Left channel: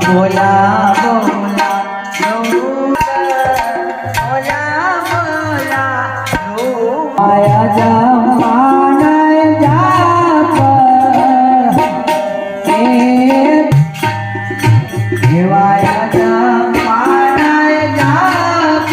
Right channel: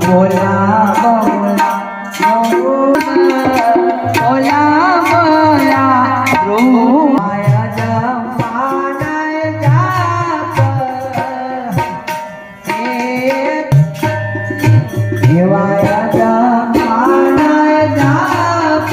બોલા બોલા બોલા બોલા રૂમાયા જમાના જાપ દેવાયા જમાના જાપ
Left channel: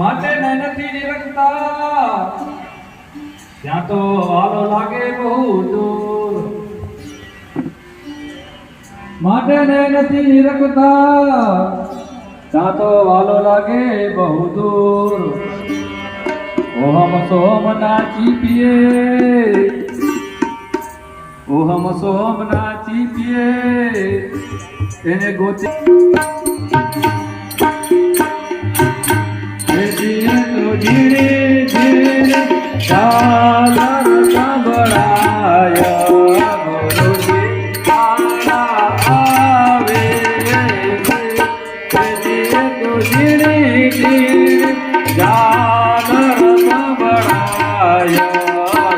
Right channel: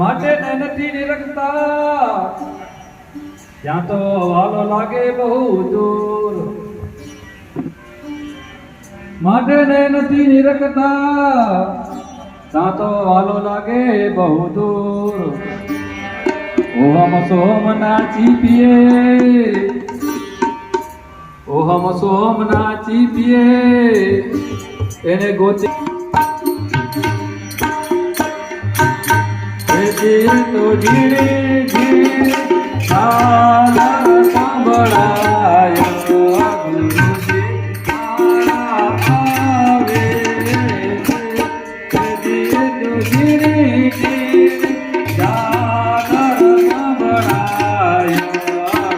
માટે નથી નિરખતા ત્યાં તો વાલો લાગે બહુ દૂર માટે નથી નિરખતા ત્યાં તો વાલો લાગે બહુ દૂર ઓહમ સોમ નાચી પીએ ઓહમ સોમ નાચી પીએ એને ગોતી તો ધીરે ધીરે સાલા સાંભળાયા ગુરુજી મારા આવે તો ધીરે ધીરે સાલા સાંભળાયા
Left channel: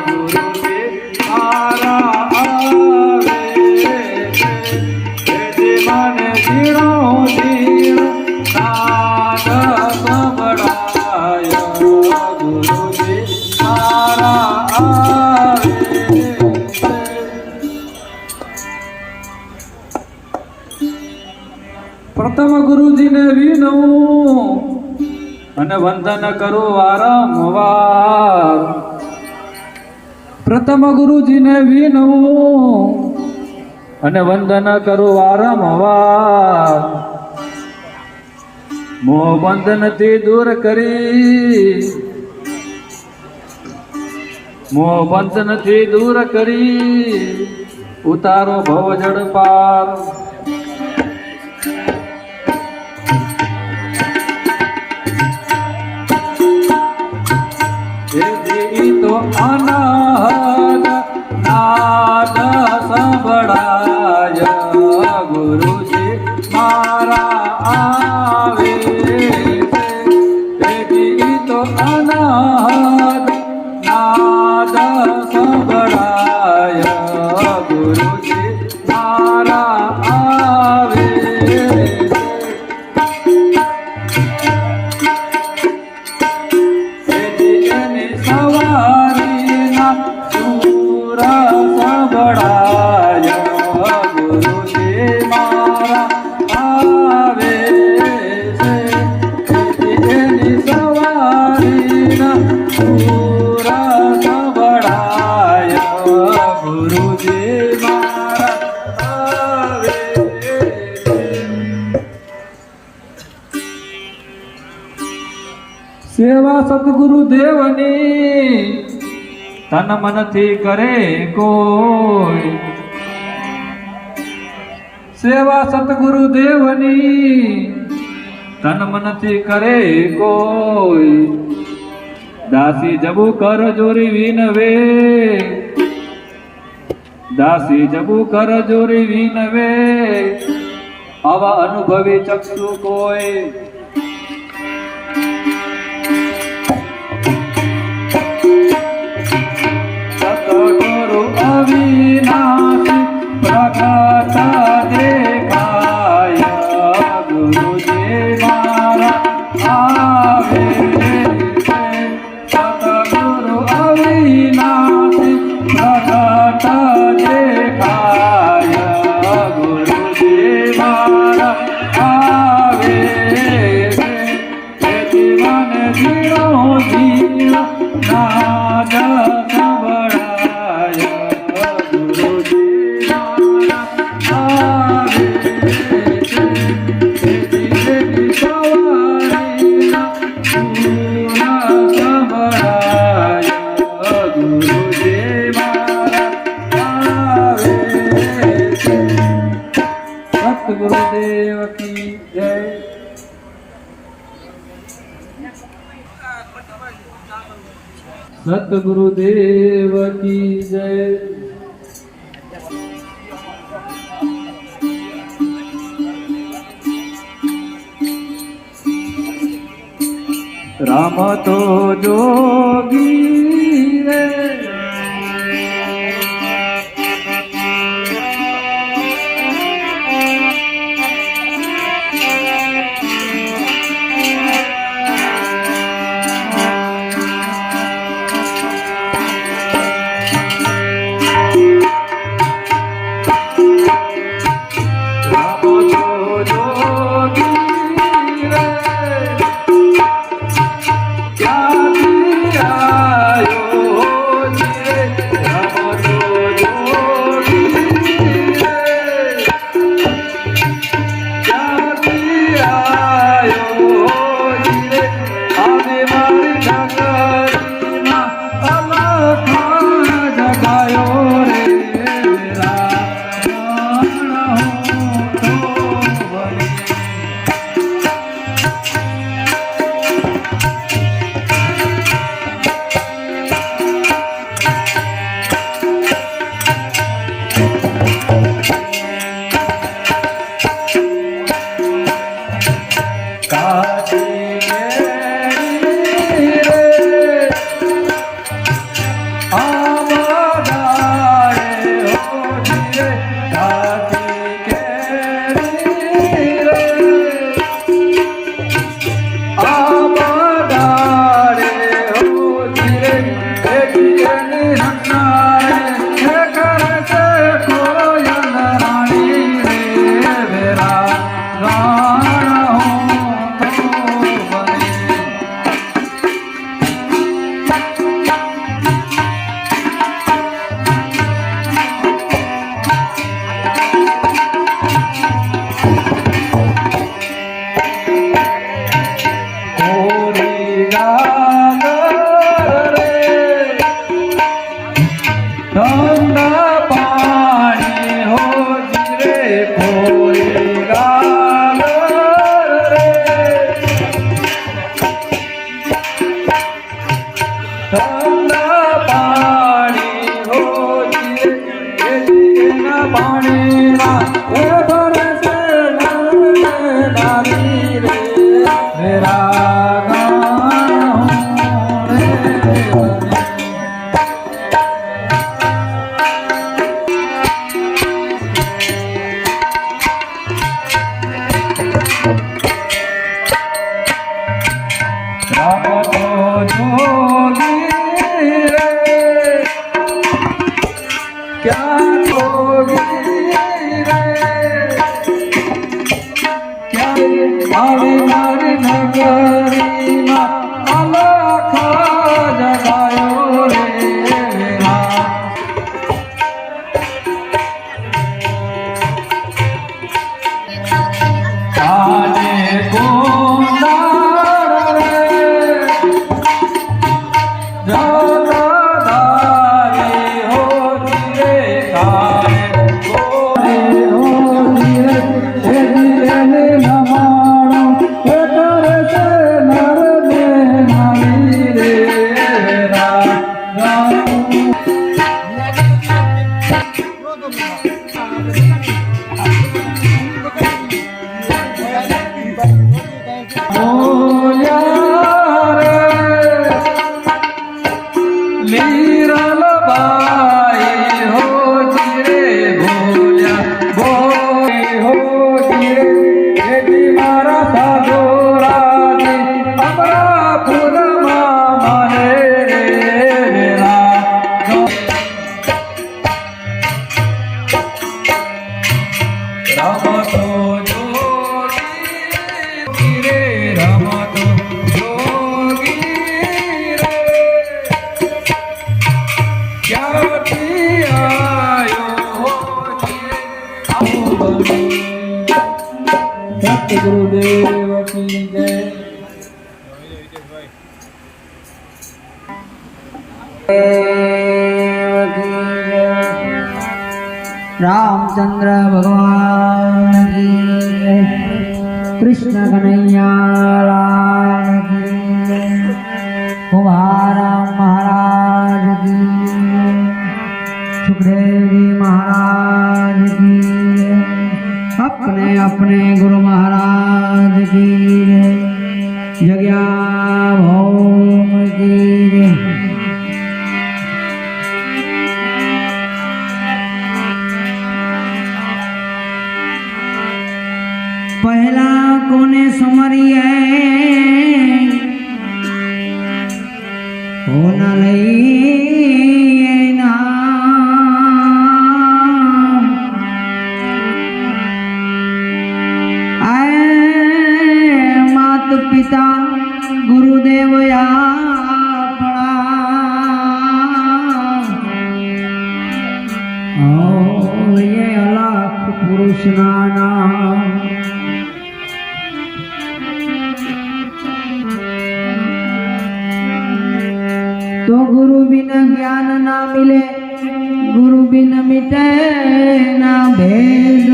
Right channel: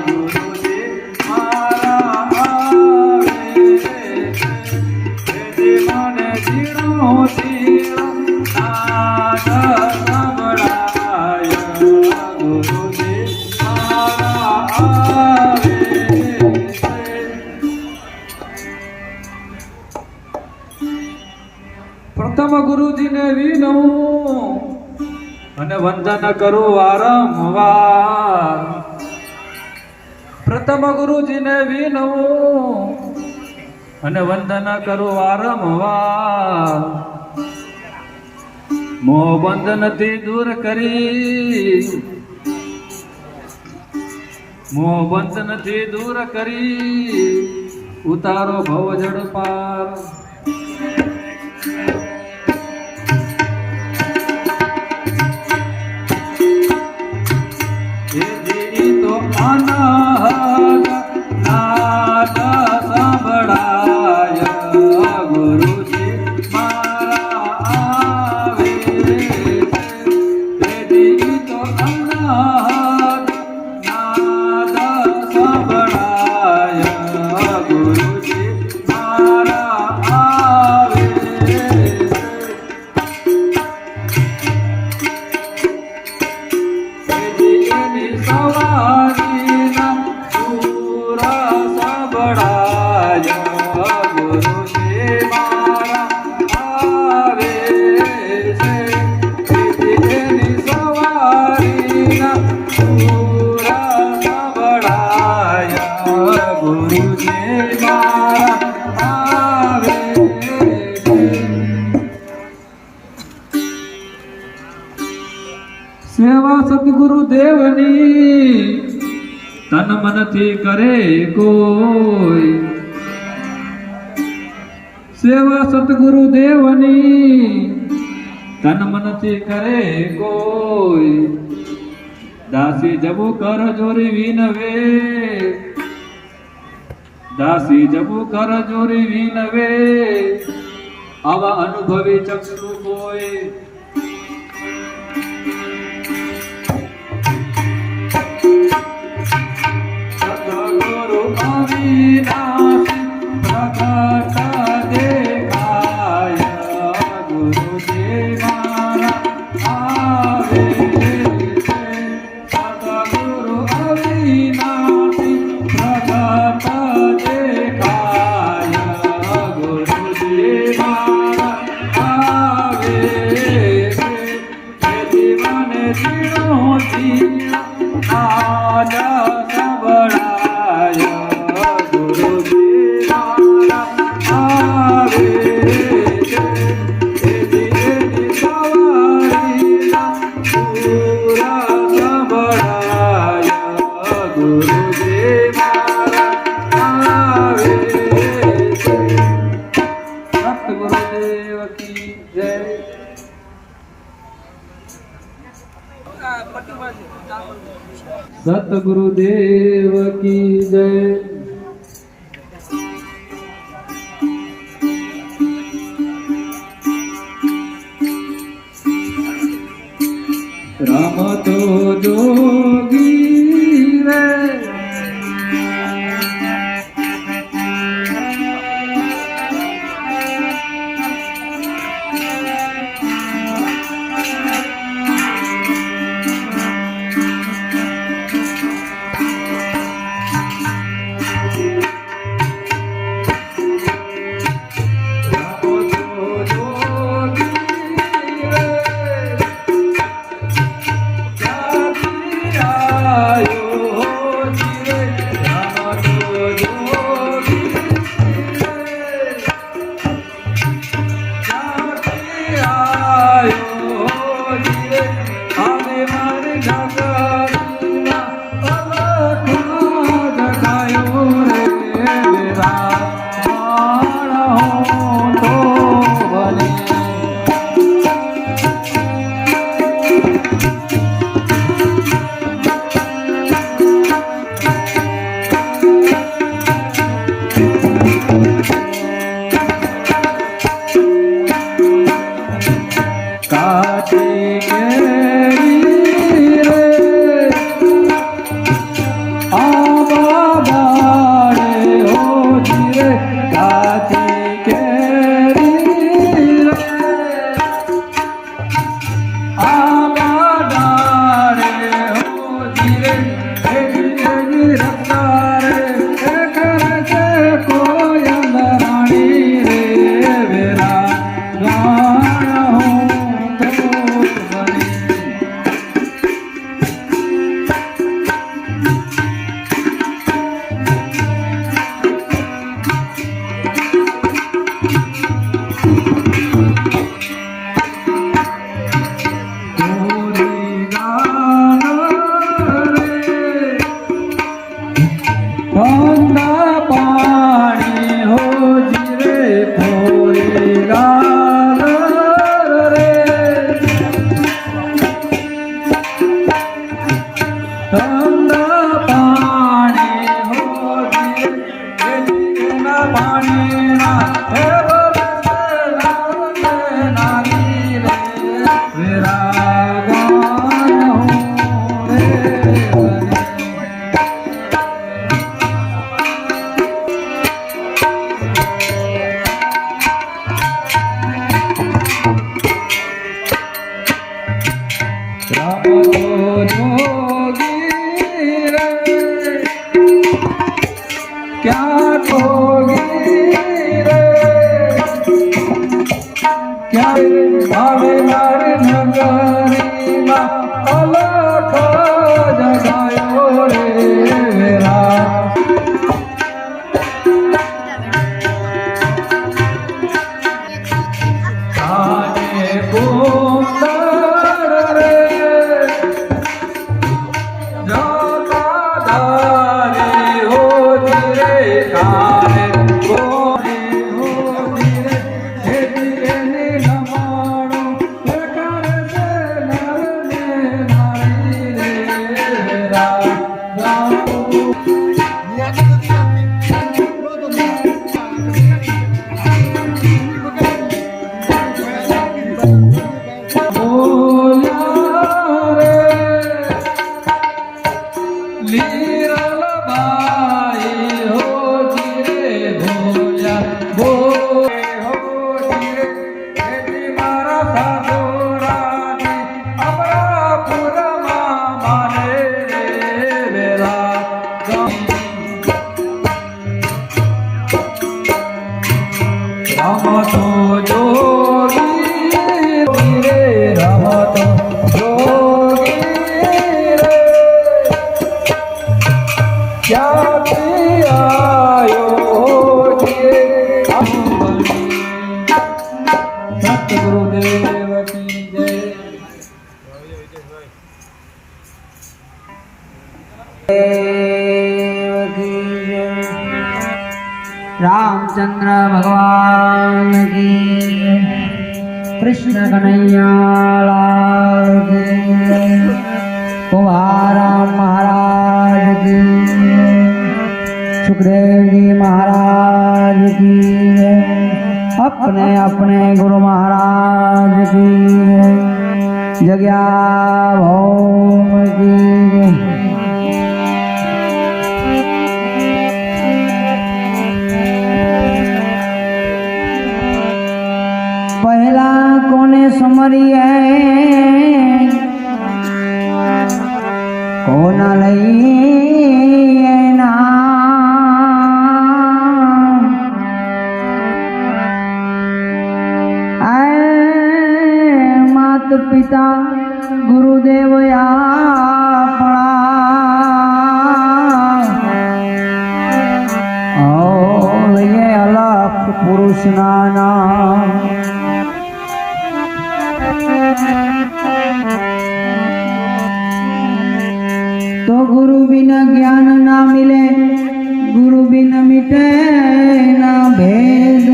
ગુરુજી મારા આવે મને ધીરો ધીરો સાલા પ્રથમ ગુરુજીને વિનવું અને વંદન કરું વારંવાર પ્રથમ ગુરુજીને વિનવું અને વંદન કરું વારંવાર મોહ બંધનથી દૂર કરી મોહ બંધનથી દૂર કરી ઉતારો ભવ જડ પાર તો અનહદ નાદ સંભળાય ગુરુજી મારા આવે તો અનહદ નાદ સંભળાય ગુરુજી મારા આવે સેવા સદગુરુ દેવની તન મનથી કરે કોઈ સેવા સદગુરુ દેવની તન મનથી કરે કોઈ દાસી જબુ કર જોરી વિનવે દાસી જબુ કર જોરી વિનવે આવા અનુભવી ચક્ષુ કોઈ અવિનાશી પ્રગટ દેખાય ગુરુજી મારા આવે સતગુરુ અવિનાશી પ્રગટ દેખાય ગુરુજી મારા આવે ગુરુજી મારા આવે છે. સતગુરુદેવ કી જય. સતગુરુદેવ કી જય. રામ તો જોગી રે સતગુરુદેવ કી જય. रामचंद्र भगवान की, कृष्ण कन्हैया लाल की, कुमाराम महाराज की, सुखदेव जी महाराज की, अपने अपने गुरु महाराज की, जग्या भौम की। पहला कोने समरिए कोना लईए नाम, आए मात पिता गुरुदेव आपणा, और ये अलख पुरुष ना नाम। तो गुरु बिना ज्ञान ना मिले, गुरु बिना मिटे ना भेद,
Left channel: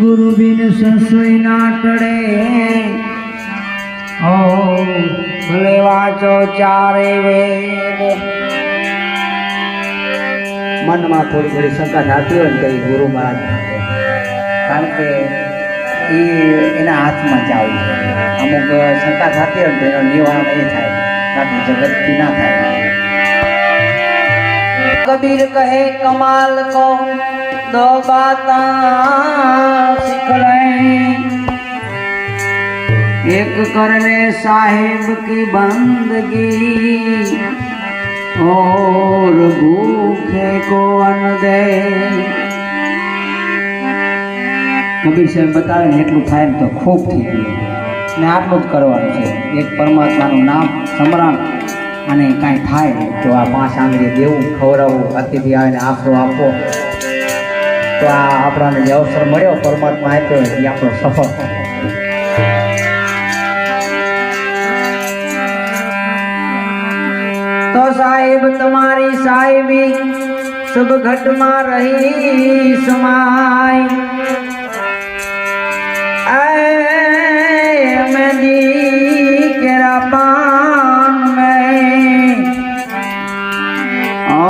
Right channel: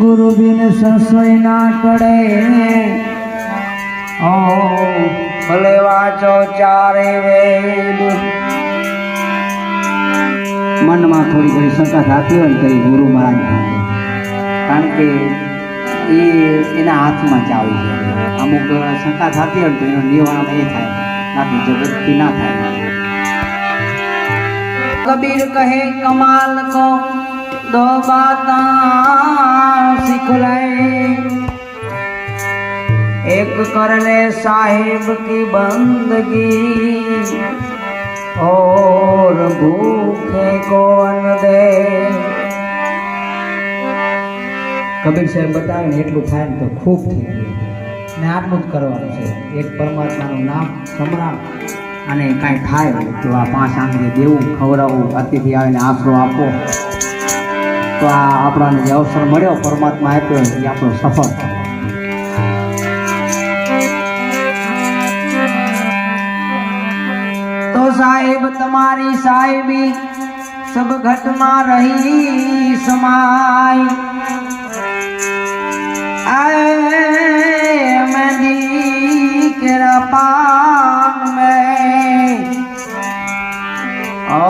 गुरु बिन संशय ना टड़े, ओ भले वाचो चारे वेद। मन में थोड़ी थोड़ी शंका थती हो तो गुरु महाराज भागे, कारण के एना हाथ में जाव જોઈએ। अमुक शंका थती हो तो निवारण ए थाय, बाकी जगत की ना थाय। कबीर कहे कमाल को दो बातां सीख ले, एक कर ले साहिब की बंदगी, और भूखे को अन्न दे। कबीर साहेब बतावे ने એટલું થાય ને તો ખૂબ થઈ ગયું ને આટલું જ કરવાનું છે। એક પરમાત્માનું નામ સ્મરણ અને કાંઈ થાય તો આ 5 આંગળી દેવું, ખવડાવવું, અતિથિ આવે ને આશરો આપવો, તો આ આપણને જે અવસર મળ્યો પરમાત્મા આપ્યો એ આપણો સફળ। तो साहिब तुम्हारी साहिबी सब घट में रही समाई, मेहंदी केरा पान में, ओ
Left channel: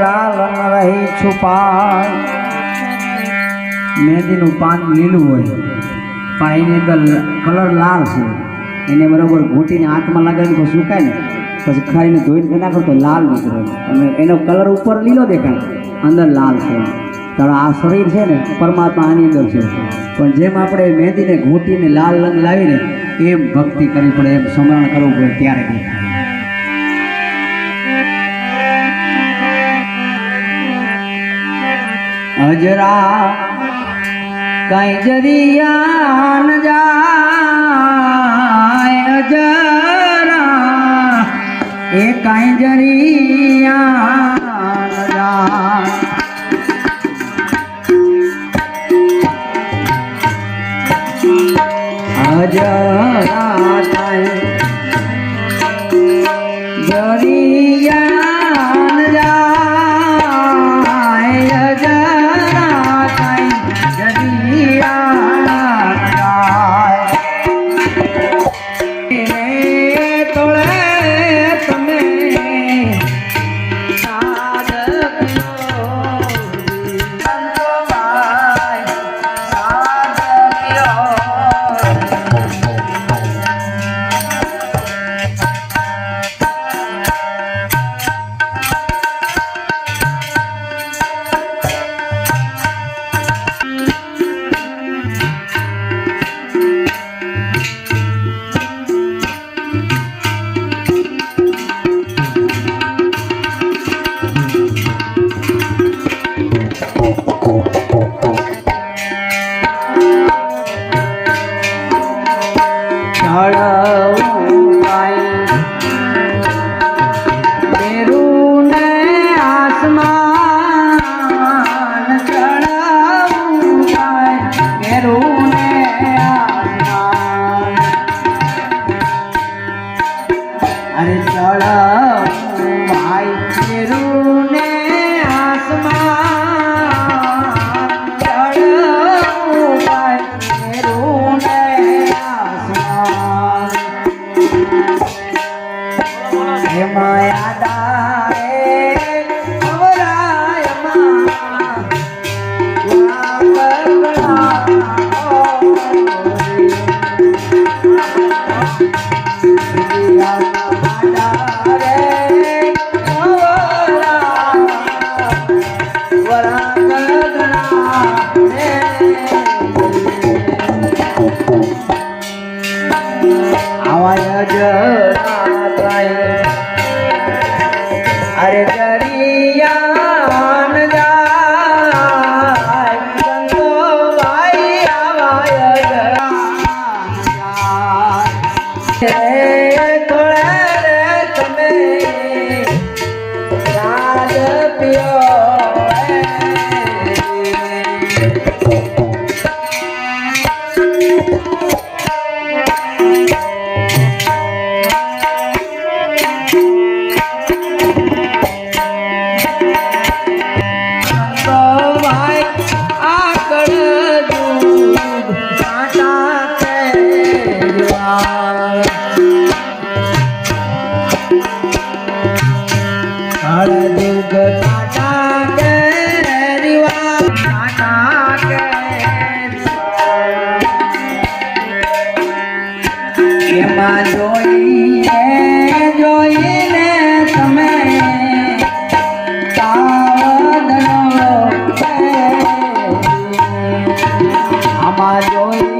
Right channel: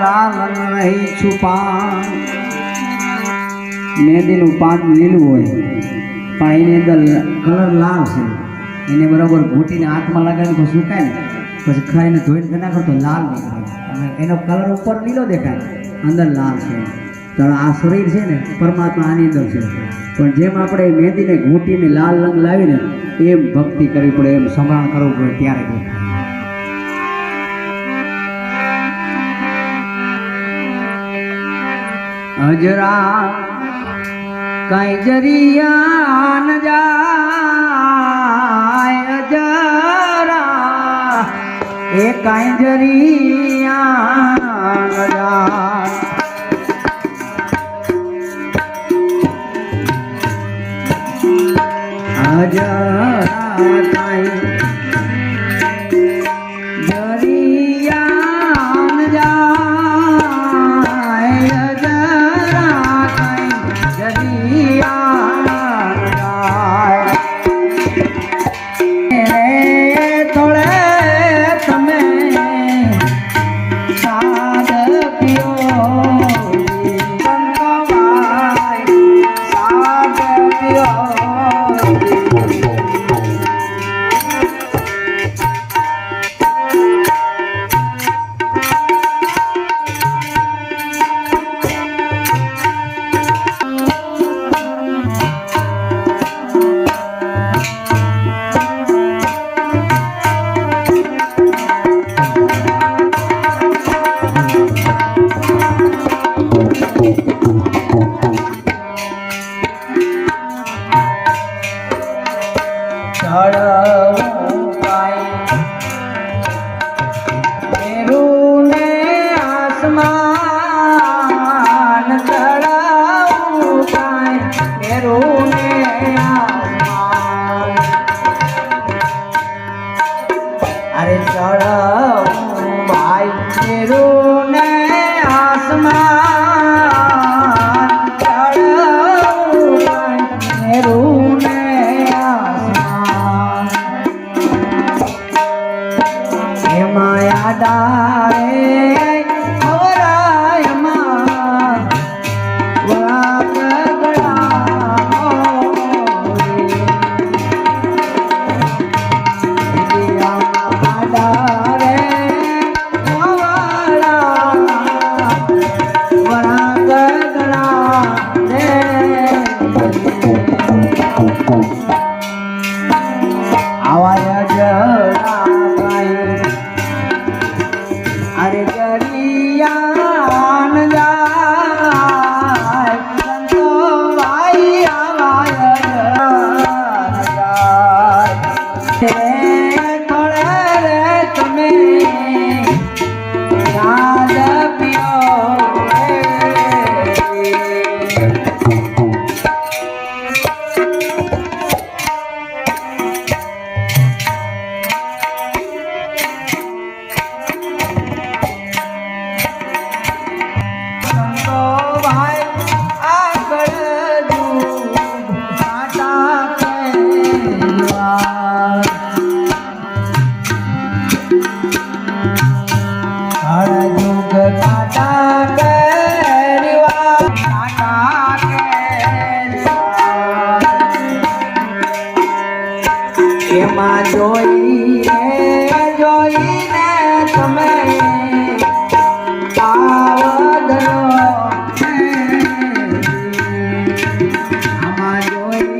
लालन रही छुपाई। मेहंदी नु पान लीलू होय पण एनी अंदर कलर लाल छे, एने बराबर घूटीने हाथमां लगावीने सुकाय ने પછી ખાઈને ધોઈને નાખો તો લાલ નીકળે અને એનો કલર ઉપર લીલો દેખાય, અંદર લાલ છે। તો આ શરીર છે ને પરમાત્મા આની અંદર છે, પણ જેમ આપણે મહેંદીને ઘૂંટીને લાલ રંગ લાવીને એમ ભક્તિ કરવી પડે, એમ સ્મરણ કરવું પડે, ત્યારે દેખાય। અજરા કઈ જરિયા ન જાય, અજરા એ કાંઈ જરિયા ન જાય। અજરા કાંઈ જરિયા ન જાય, અજરા કાંઈ જરિયા ન જાય। અરે ચળ ભાઈ ને એમાં જોઈને તમે પાવદનો આમાં જોઈને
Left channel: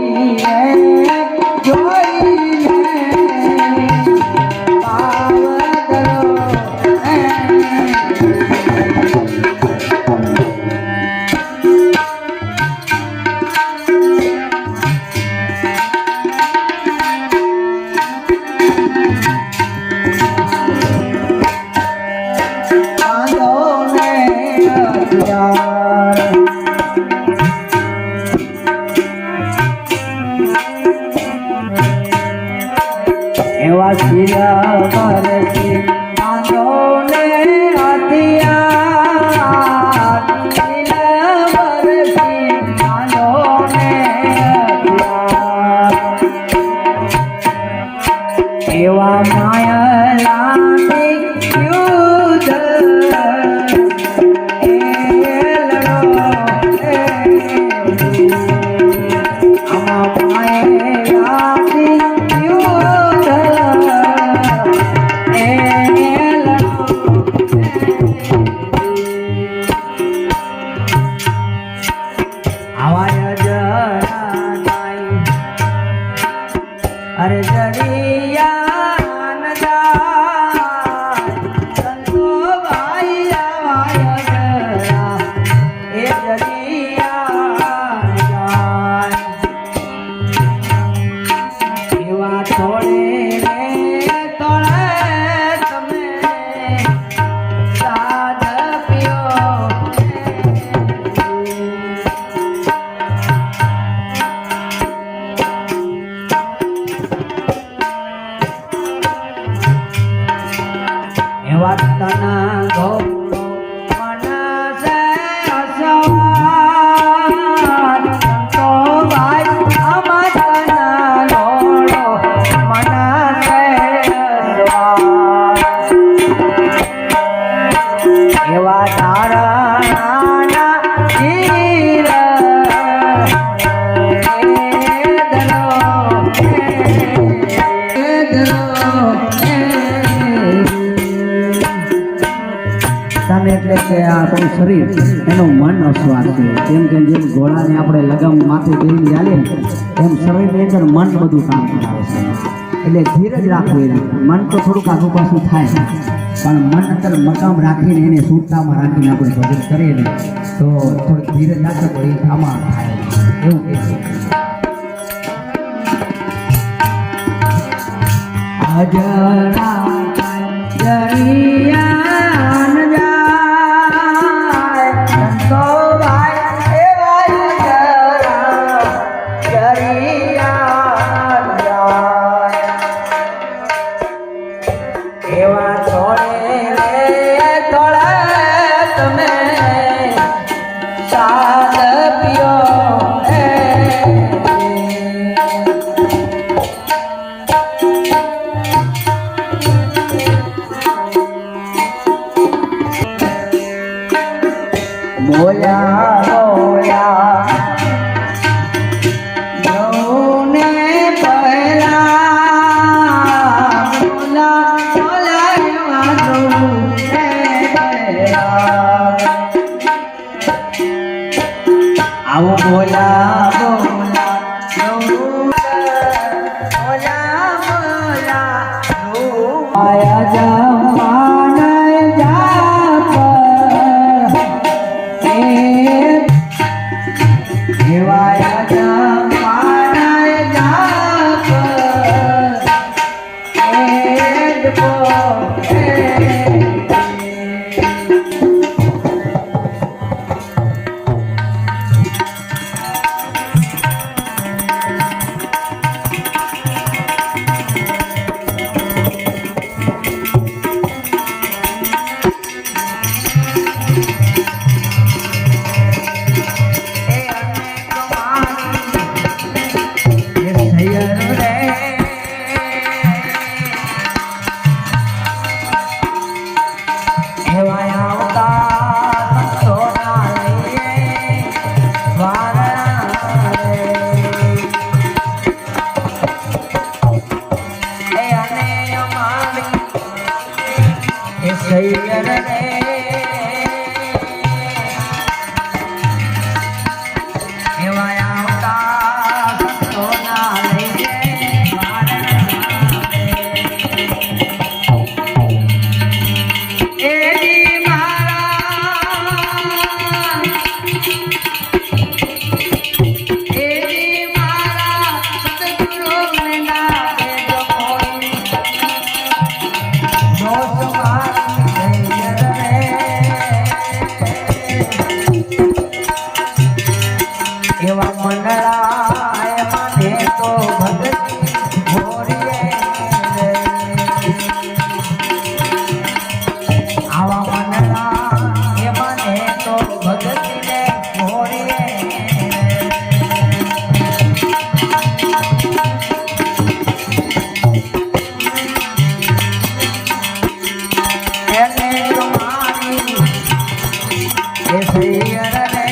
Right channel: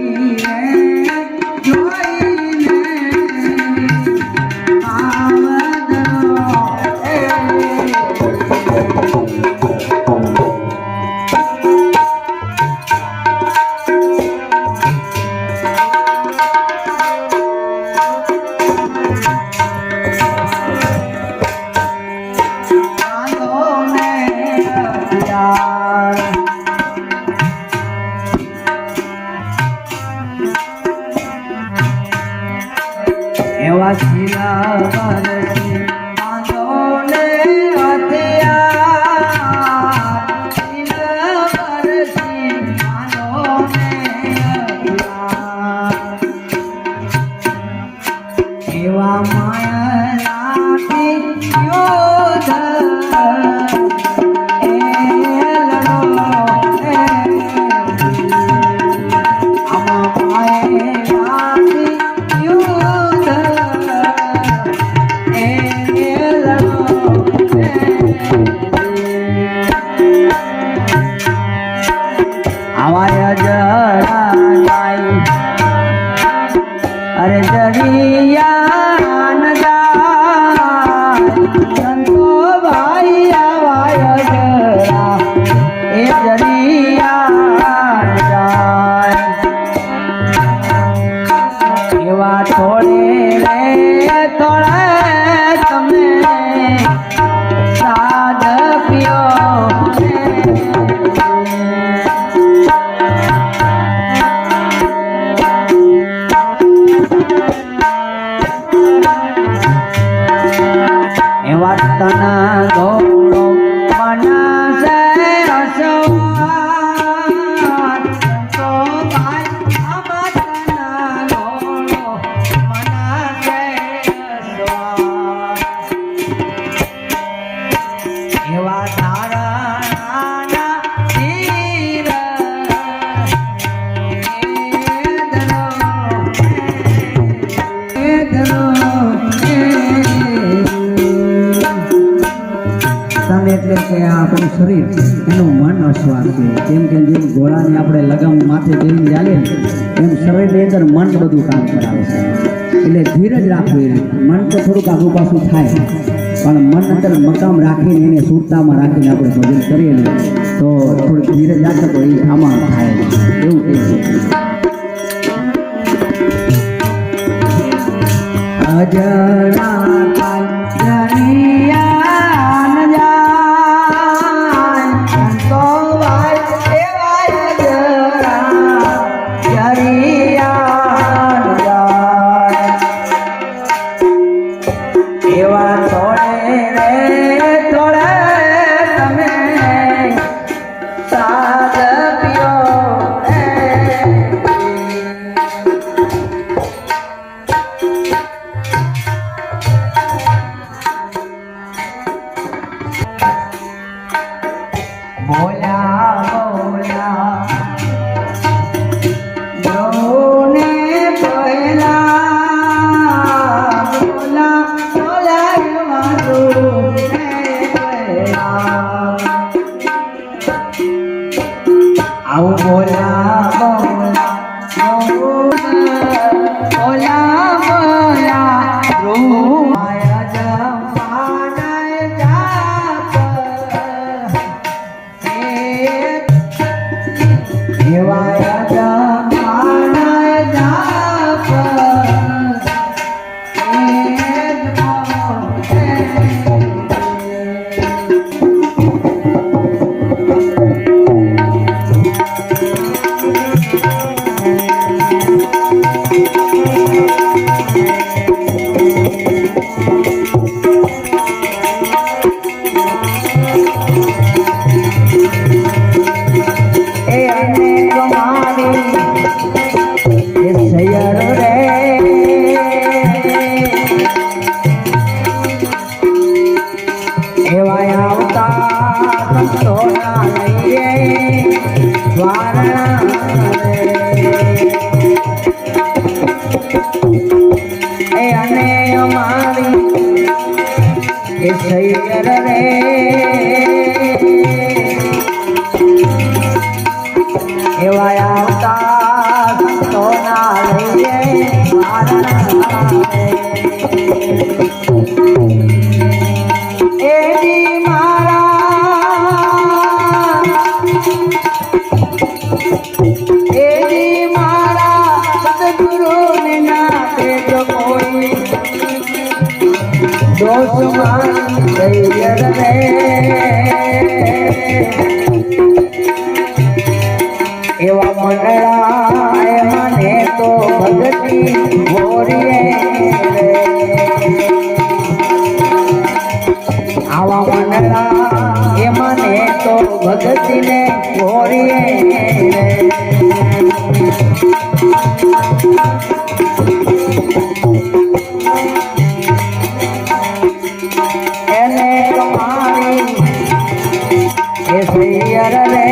એવા શિલા મરસી આંધોને હથિયાર શિલા મરસી આંધોને હથિયાર એવા માયલાથી યુદ્ધ અરે જડિયા ન જાય સંતો ભાઈ આવાય જરા એ જડિયા ન જાય એવા થોડે થોડે તમે સાદ પીઓ એવા તના ઘોડો મનસે અસવાર સંતો ભાઈ આમાં તના ઘોડો મનસે અસવાર એવા તારા નાના તીર તન એટલે કે આપણું શરીર એનું મન અસ્વાદ છે કેમ કે જેમ ઘોડાને આપણે લગામ માથે પહેરીને ચાલીએ ને એમ શરીરની અંદર મન બધું કામ કરાવે છે એટલે ધીરજ રાખવું એવી મન તો થોડુંક આગુ પાછું થાય પણ મન અંદર મકામ રાખીને એને સુરતામાં રાખીને આપણે ભજન કરીએ ને તો થોડીક ધીરજ રાખે તો એ આમાં થાય એવું કહે છે અજરા જરિયા એવા થોડે થોડે તમે આવું બોલા બોલા બોલા બોલા રૂમાયા જમાને જાપ દેવાયા જમાને જાપ સૈયર રે એવા આવતા સંતોના લઈએ એવા મંડળાએ મને તો ભક્તિ ગોરીએ આવા મંડળા એ મને તો ભક્તિને ગોરીએ એને તમારી એ સૈયર રે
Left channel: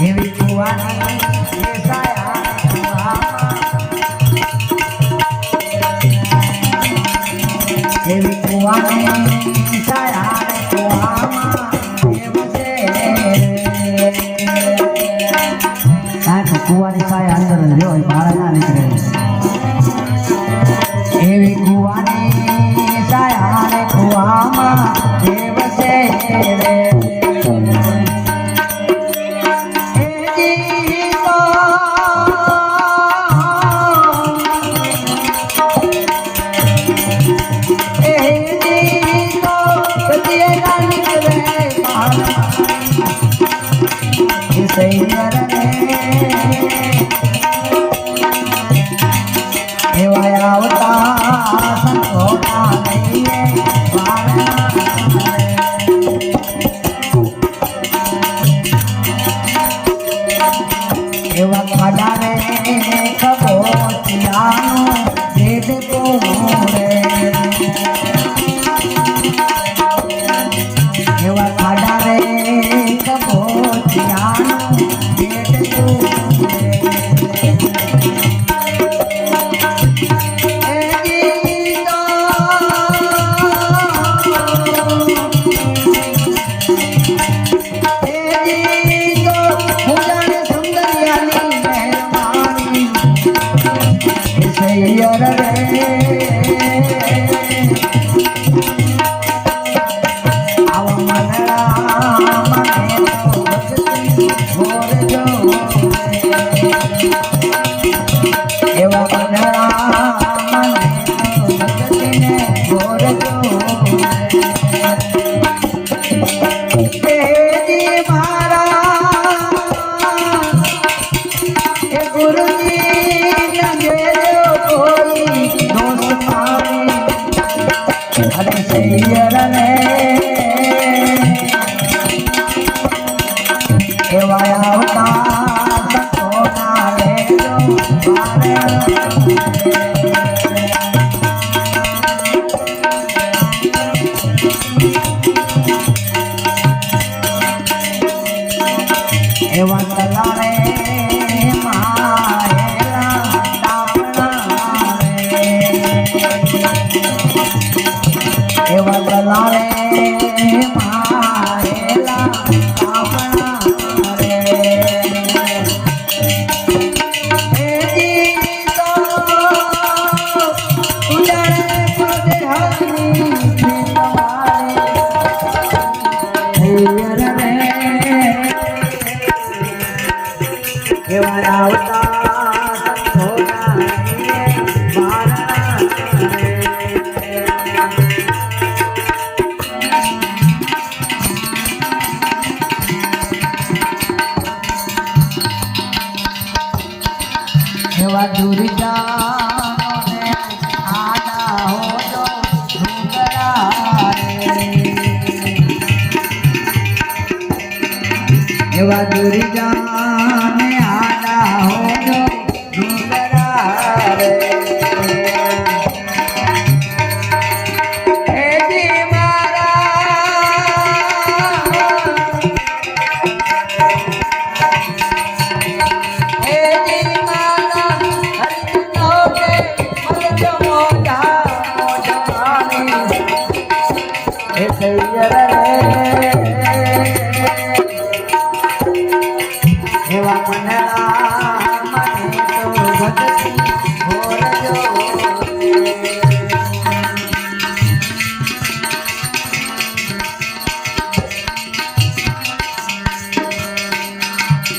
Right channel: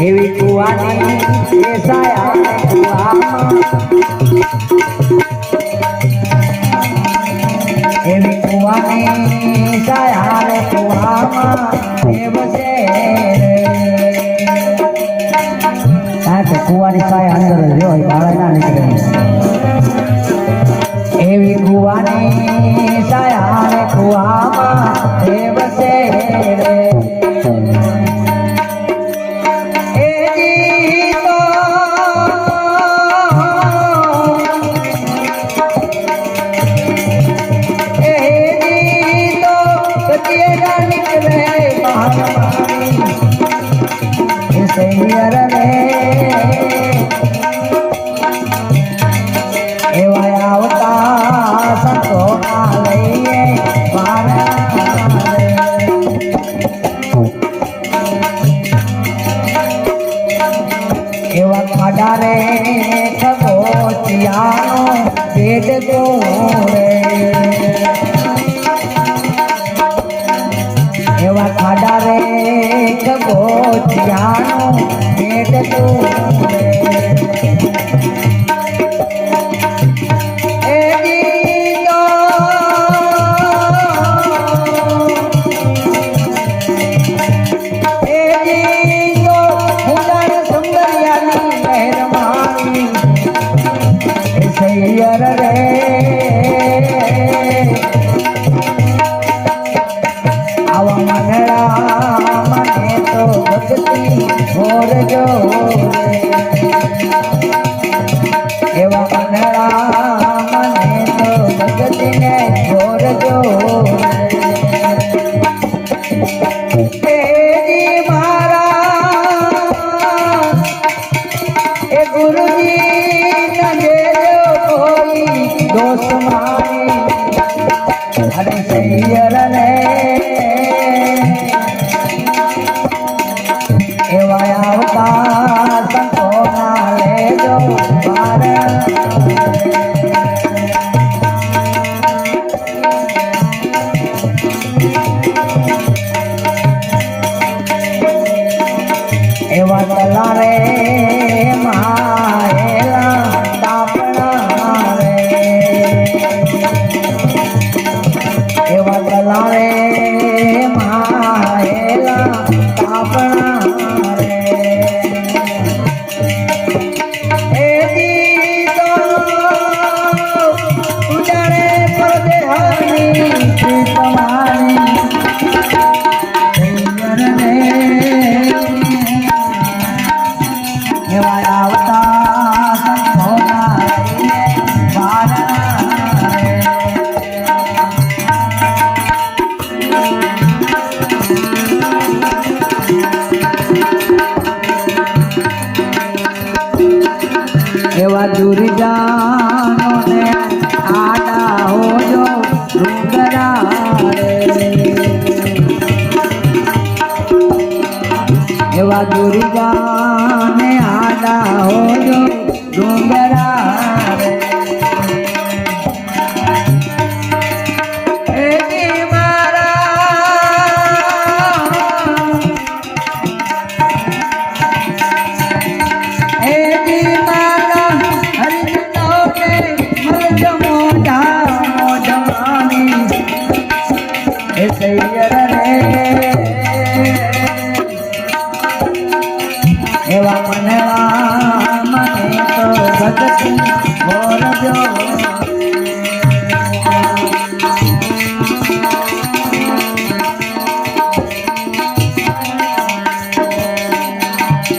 એવી કુવાની એ સાયા કુવામાં એવી કુવાની સાયા કુવામાં એમ છે કારણ કે કુવાની સાયા અંદર જ હોય બહાર ના નીકળે એવી કુવાની સાયા કુવામાં એમ છે સૈયર રે એવા આવતા સંતોના લઈએ એવા ખાડા રે ખબોચિયાનો દેડકો રે એવા ખાડા રે ખબોચિયાનો દેડકો સૈયર રે આવા મંગળા મને તો ભક્તિ ગોરજો એવા મંગળા મને તો ભક્તિને ગોરજો એ ગુરુજી અરે સૈયર ને એવા આવતા સંતોના લેજો મજૂરી જાનો ને આડા હોજો ડુંગરા રે એવા દૂરી જાને આડા હોજો ડુંગરા રે એજી એવા મનડા મને તો ભગતી મોરજો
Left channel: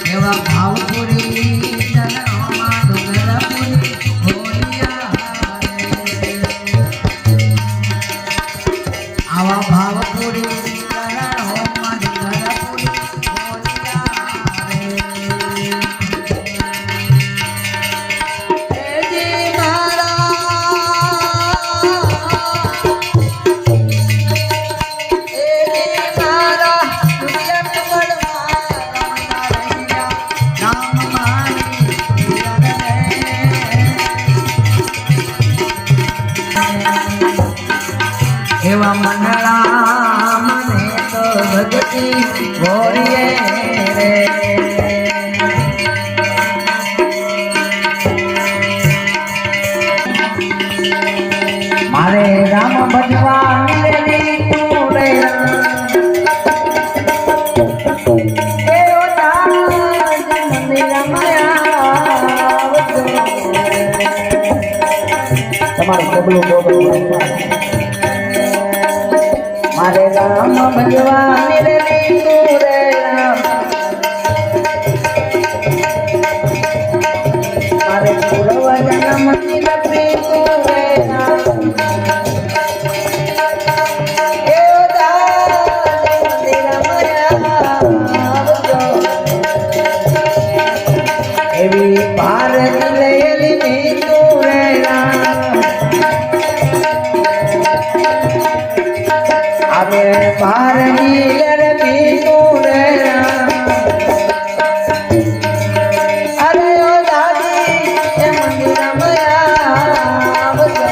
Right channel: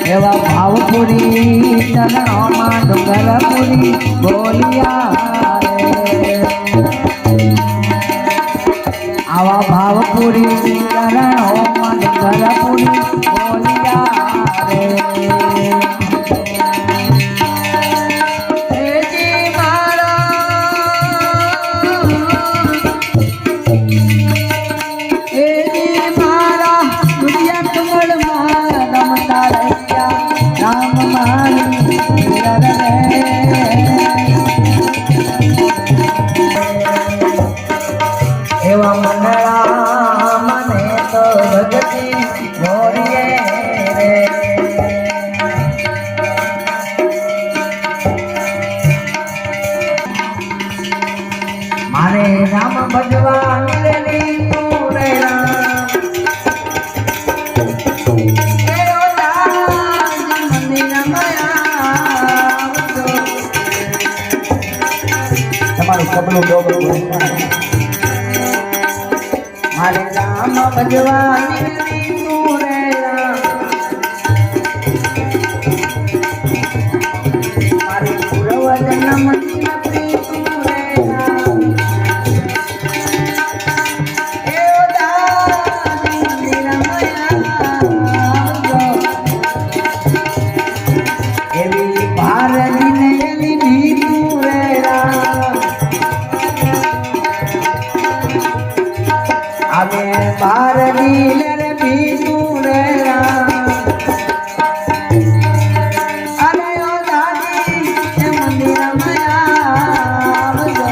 એવા ભાવપુરી ચરણોમાં ડુંગરપુરી બોલિયા રે આવા ભાવપુરી ચરણોમાં ડુંગરપુરી બોલિયા રે એજી મારા દુનિયા કમળમાં રમતા રહ્યા રામ મારી એવા મંડળા મને તો ભગતી મોરીએ મારે રામ ભજવા મેળવી તું રે એવો જલ્દી રમયા તમારે સબનો મારે રામ ભજવા મેળવી તું રે મારે પૂર્વ જન્મ લપી તું રે એવી પાર દિલેલી તું રે આવે પાર દિલેલી તું રે અરે ઓ દાદી એ મંદિર મયા આવજો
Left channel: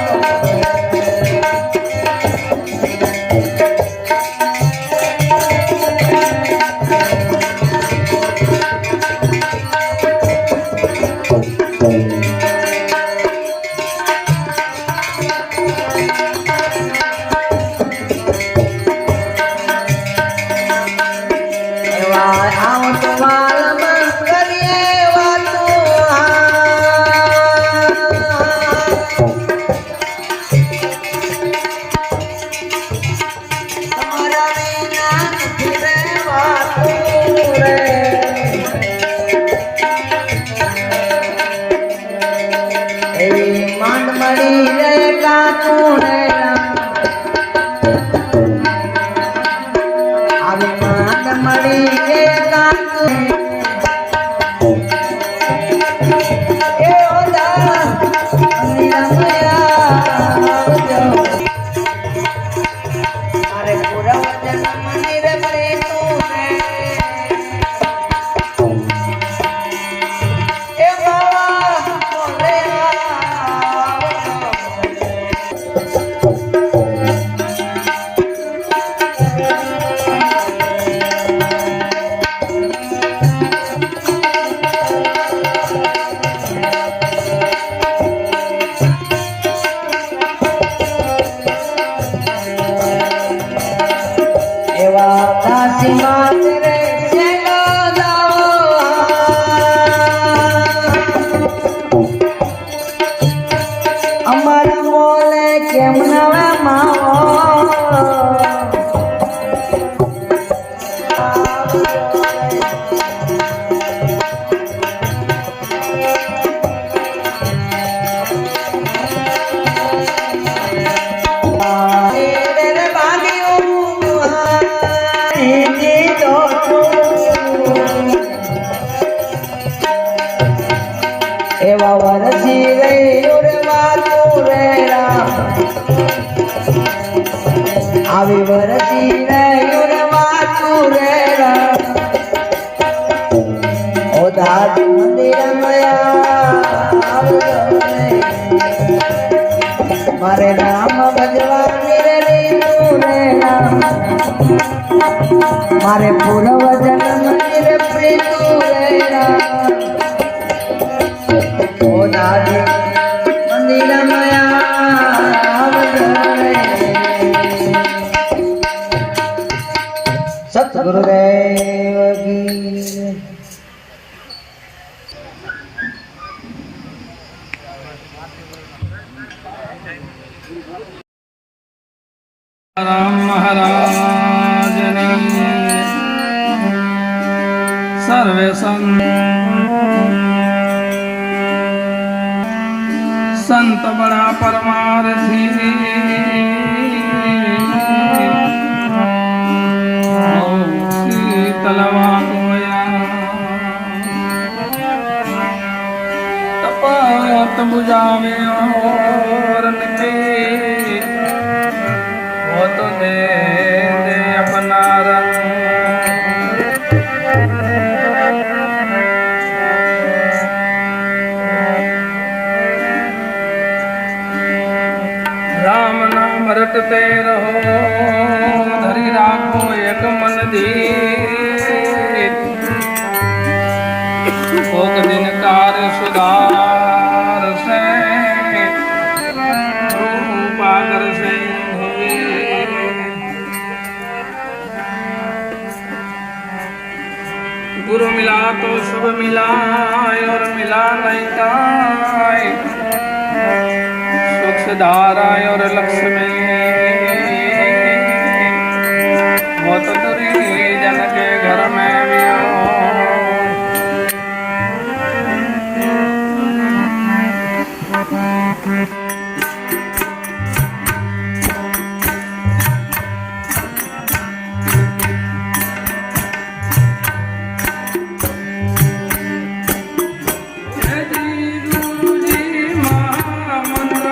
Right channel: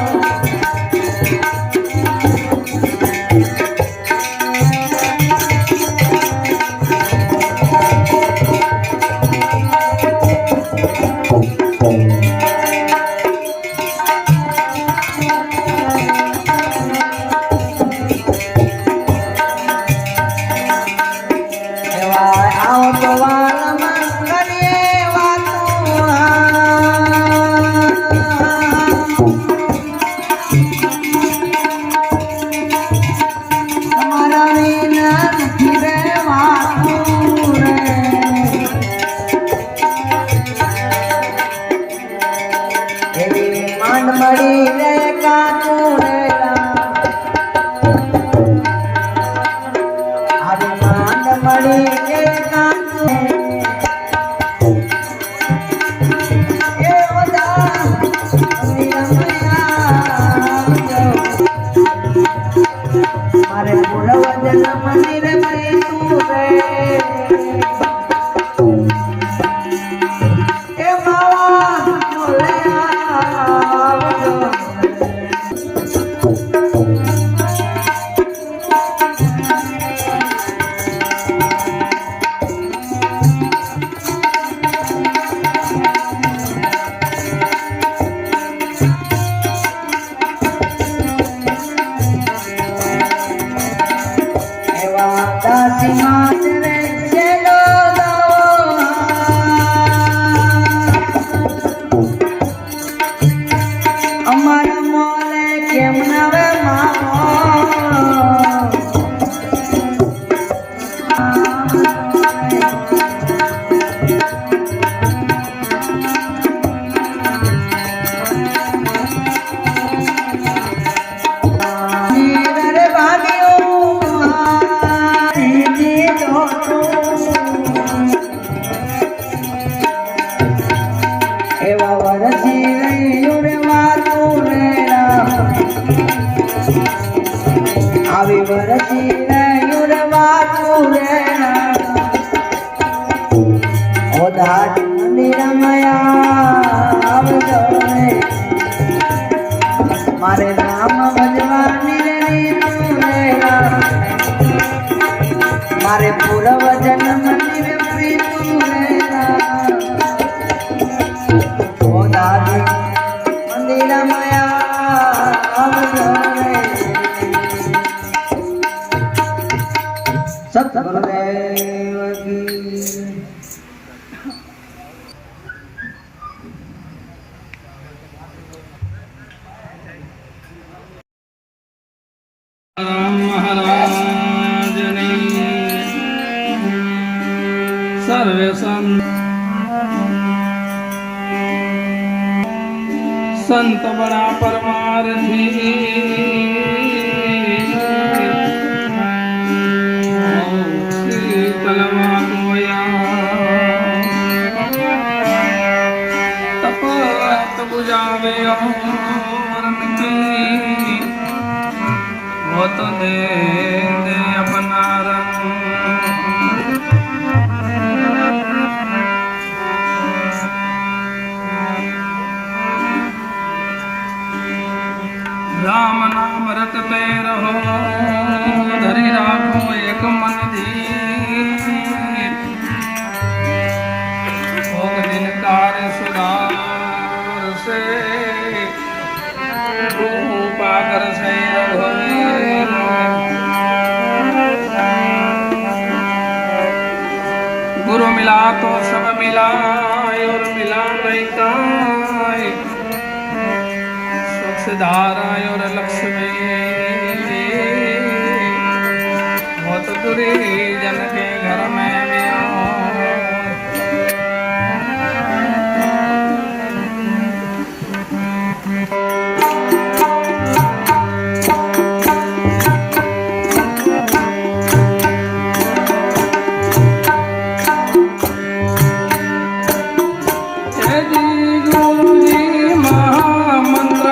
એવા વરસી પૂર્વ જન્મ મંદિર પ્રેમનું રહેરા ઓ દાદી મંદિર માયા સતગુરુદેવ કી જય. રામ મહારાજની સર્વે સંત બડા પરમાર્થી શીતલવા ગોયા તપત બુજાવે ઓર નિતી वो तो दे दे अपना रंग राम नाम रटते रहो धरी राखो एक मन धीर भोग दिन कार्य सुधार से रूपागर से गुरु मिला तो सब मिला और मिला नहीं काय सुख से धारा और लक्ष्मी बहुत दूरी जन के घर में भी हो महामंत्र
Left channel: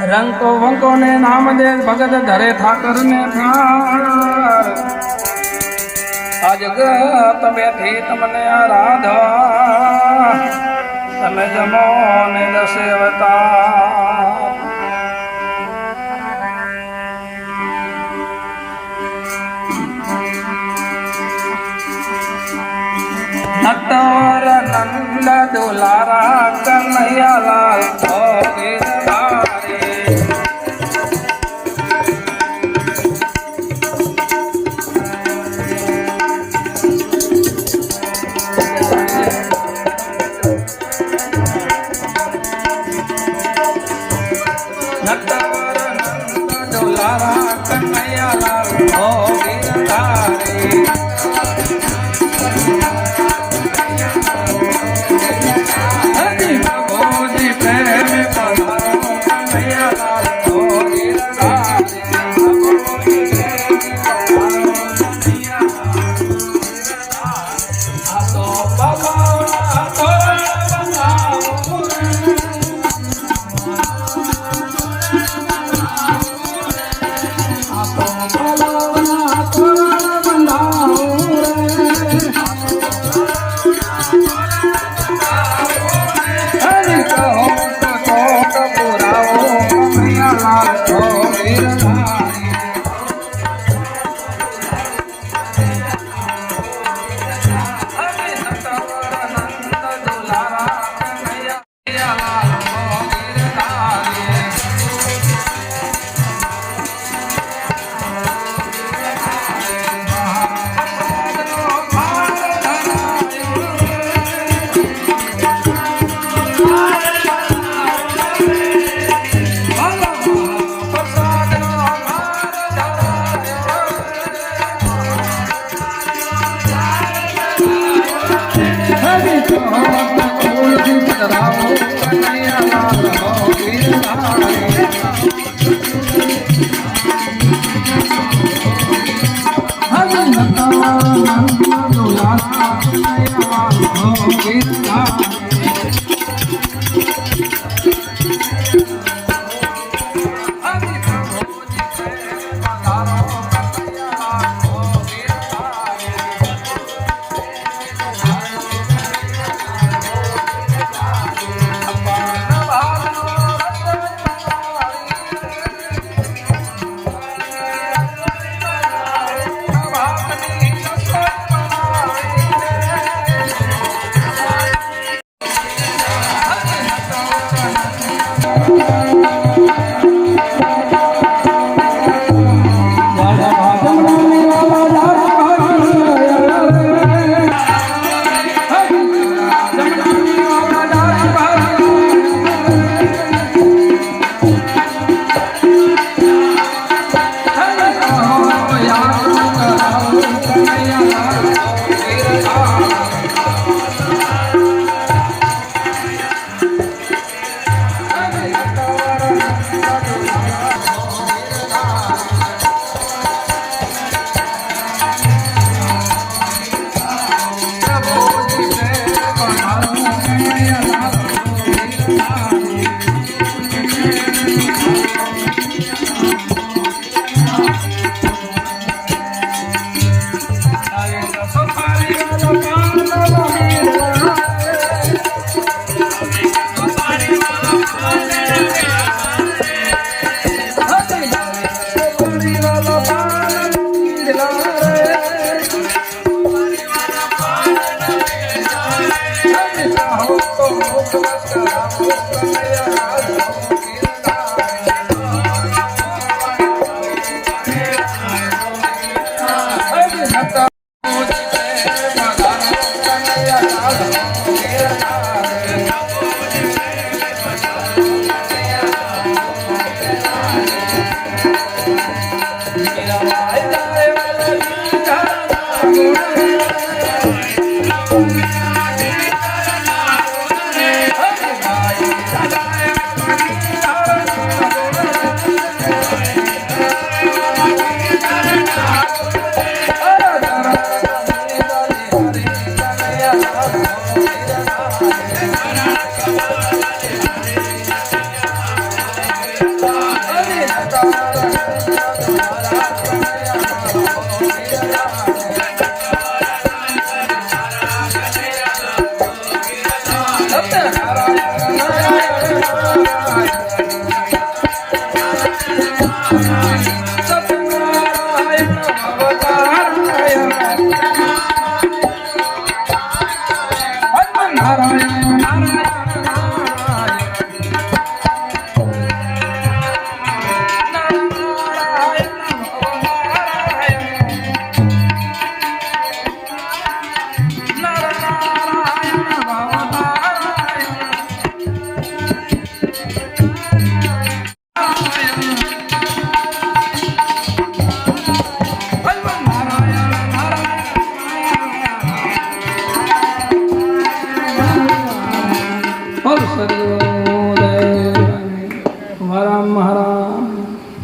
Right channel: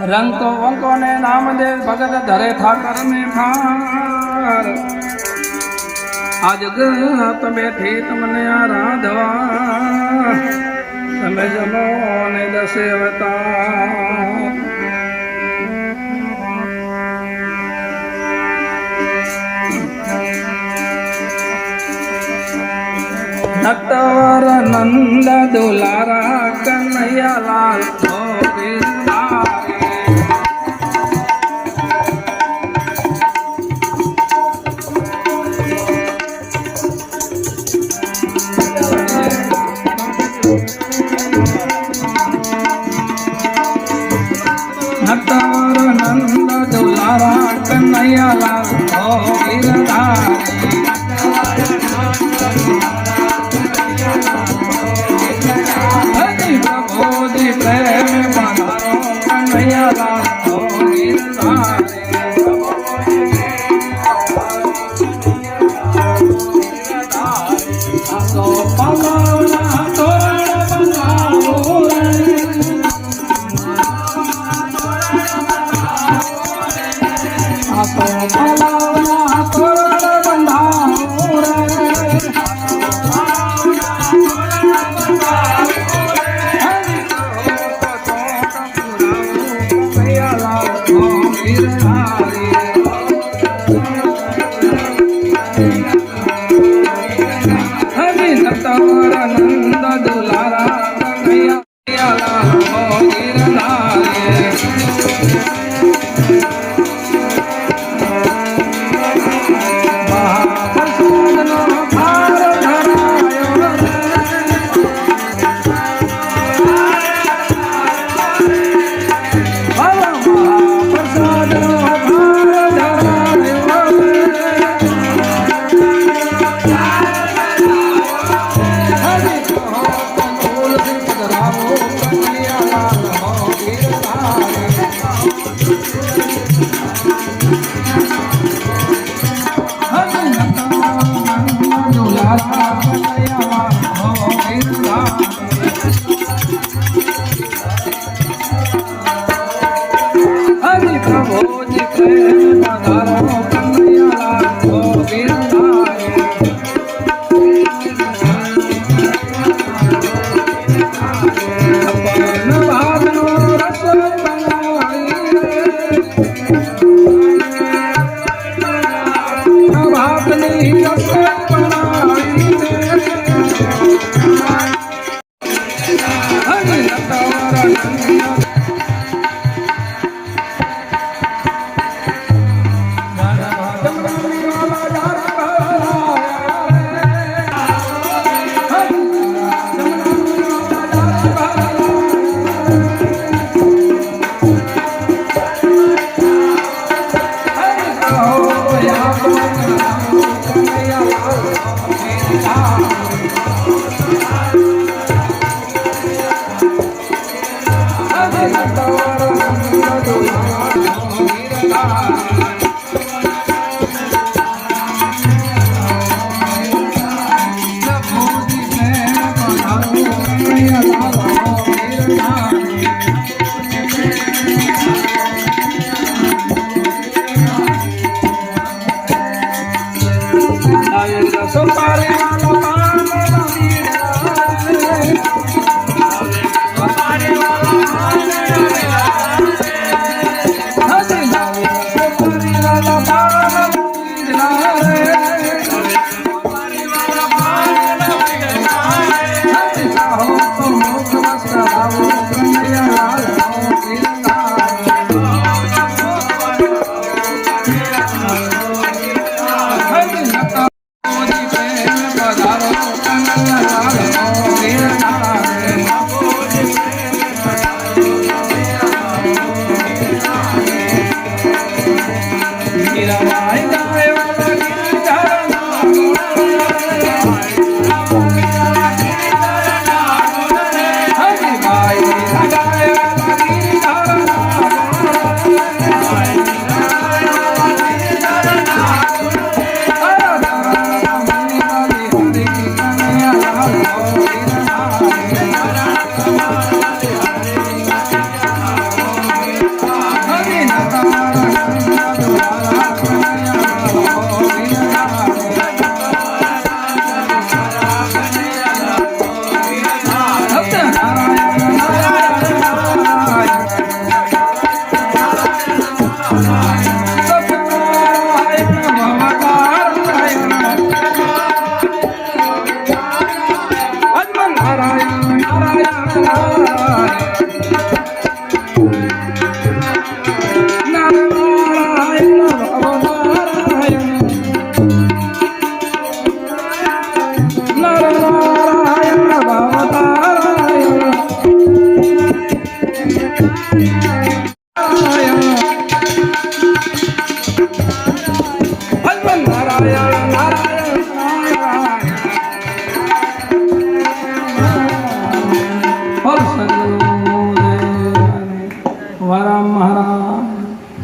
રંકો વંકો ને નામ દે ભગત ધરે ઠાકર ને થાર આજ તમે થી તમને આરાધા તમે જમો ને દસે અવતાર નટવર નંદ દુલારા કનૈયા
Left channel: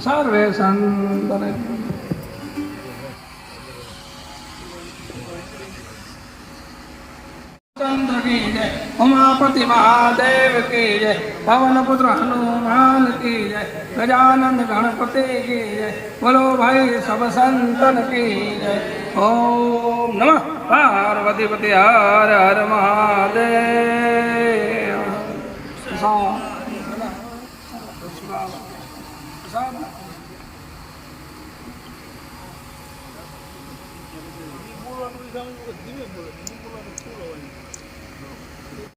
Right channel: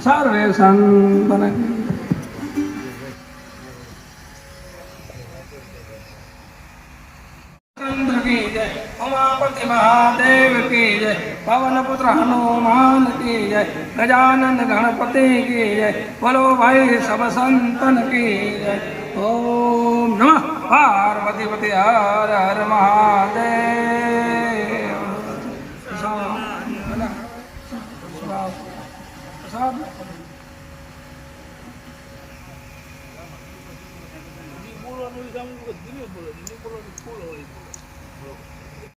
સર્વે સંતન की जय, उमापति महादेव की जय, पवन पुत्र हनुमान की जय, गजानन गणपति की जय, बोलो भाई सब संतन की जय। ओम नमः पार्वती पति हर हर महादेव।